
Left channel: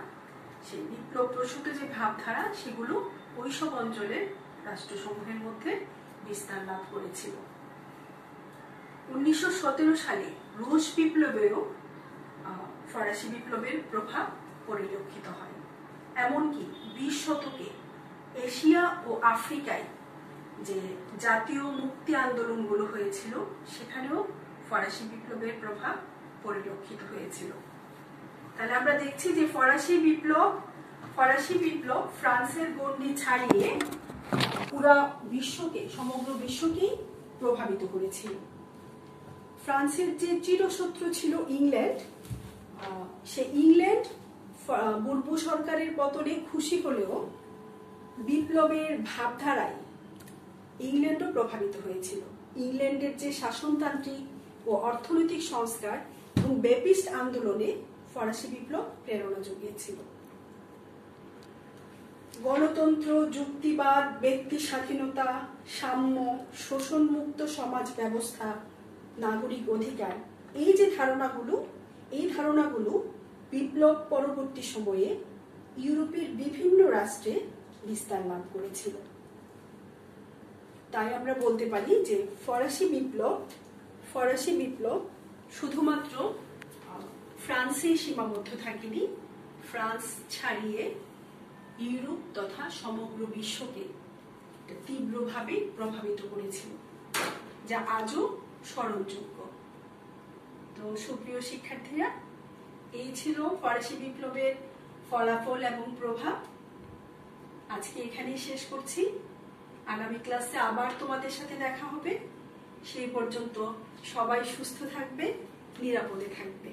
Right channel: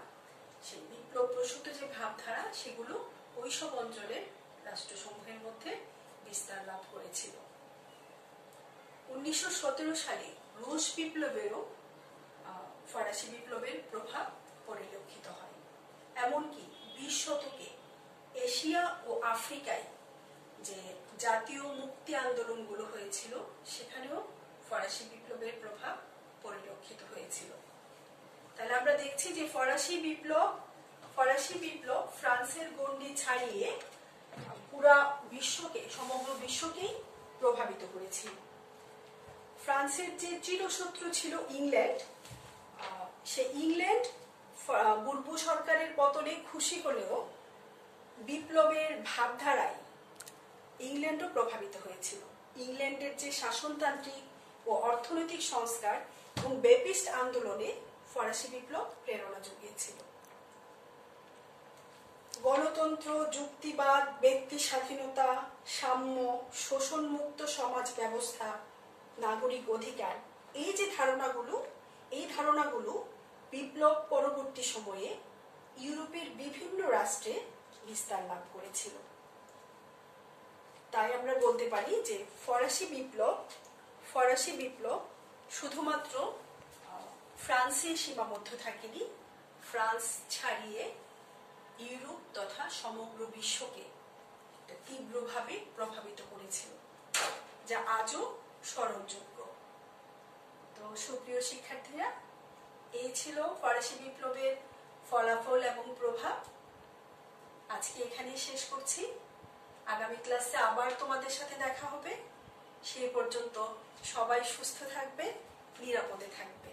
সেই বিপ্লব প্রসূত যে ভাবধারা সেগুলো ওইসব অঞ্চলের রাষ্ট্রসমূহের মধ্যে বিস্তার লাভ করেছিল। ১৯১৭ সালে রুশ বিপ্লবেও ফরাসি বিপ্লবের প্রভাব পরিলক্ষিত হয়। এমনকি ২০ শতকে এশিয়া ও আফ্রিকায় যে জাতীয় মুক্তি আন্দোলনগুলো হয়েছিল সেখানেও ফরাসি বিপ্লবের প্রভাব পরিলক্ষিত হয়েছিল। তাহলে আমরা দেখছি যে ফরাসি বিপ্লব ফ্রান্সের গণ্ডি ছাড়িয়ে পুরা বিশ্বকে, সমগ্র বিশ্বকেই প্রভাবিত করেছিল। ফ্রান্সের যে চিরশত্রু ছিল ইংল্যান্ড, সে ইংল্যান্ড বুর্বো সরকারের পতনে খুশি হলেও বিপ্লবের ভাবধারায় ইংল্যান্ডও প্রভাবিত হয়েছিল। ইংল্যান্ডের যে শাসনতান্ত্রিক ও অর্থনৈতিক সংস্কার এবং বেপিস্ট আন্দোলনে ফরাসি বিপ্লব প্রেরণা জুগিয়েছিল। গণতন্ত্র, যুক্তিবাদ, ব্যক্তি স্বাধীনতা, সাম্য, শোষণমুক্ত সমাজ ব্যবস্থা, নাগরিক অধিকার, এই যে ধারণাগুলো বিপ্লব পরবর্তী সময়ে ইউরোপের বিভিন্ন রাষ্ট্রে বিস্তার লাভ করেছিল। তাই আমরা বলতে পারি যে ফরাসি বিপ্লব শুধুমাত্র ফ্রান্সেই সীমাবদ্ধ থাকেনি, ফ্রান্স ছাড়িয়ে ইউরোপ তথা সমগ্র বিশ্বকে তীব্রভাবে প্রভাবিত করেছিল, যা আজও স্মরণযোগ্য। তো সুপ্রিয় শিক্ষার্থীরা, এই ছিল ফরাসি বিপ্লবের ফলাফল এবং প্রভাব। আজকে এখানেই শেষ করছি। আগামী ক্লাসে আবার তোমাদের সাথে দেখা হবে। সেই পর্যন্ত সবাই সুস্থ থাকবে, নিরাপদে থাকবে।